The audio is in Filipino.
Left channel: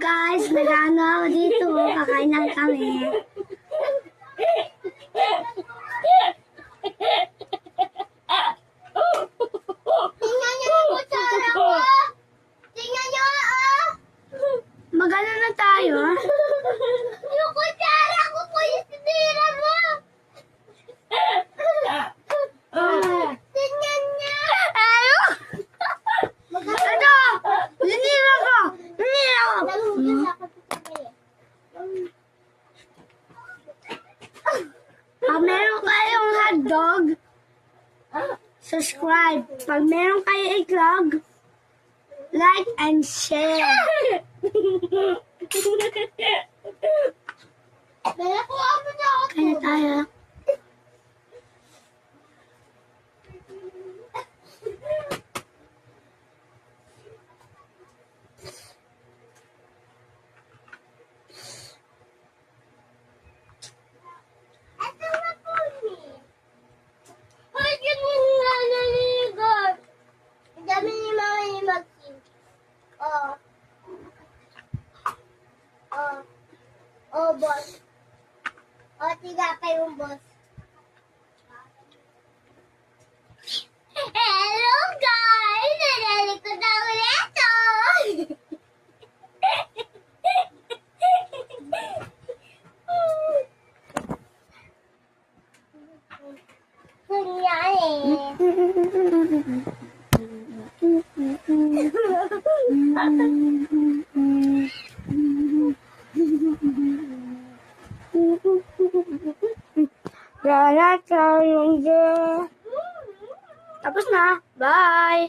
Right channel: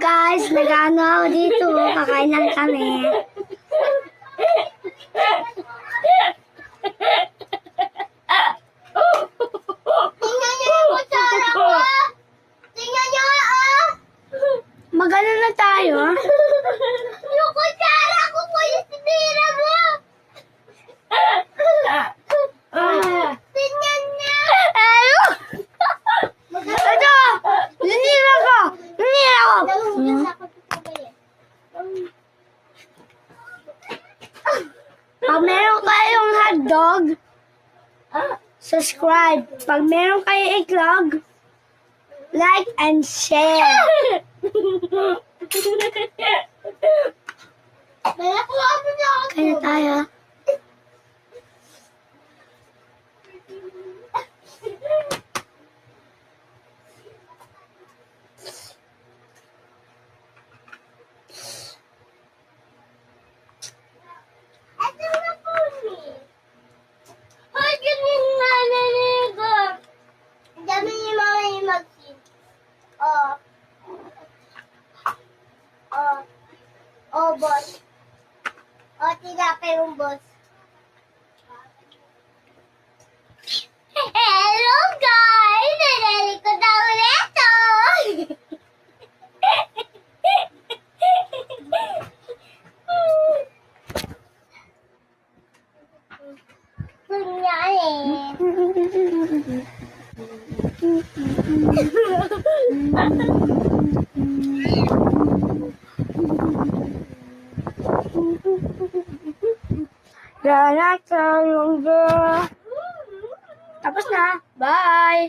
guys, nag-ano ako dito. Kakain lang kami. Tingnan niyo yung kutsara ko! Tingnan niyo, ah! Magano na tayo? Yung kutsara ko po yung sinira mo! Tingnan niya! Ano? Ito! Nanira ko! Nanira ko! Naluhugas ako sa sabay eh. Pag meron kayong hotdog, subscribe. Pag meron kayong itlog, like and share. Nalakuha mo na ako! Kaya tayo. Ito na po ni. Hoy, ganyan nga naligo. Ang dami ni Mama ni Maxine. Oh. Oh. Oh, boss. Oh, tinapay yung boss. Hello, guys! Nalalikod ako nito! Kunyari. Tapos na. Bye!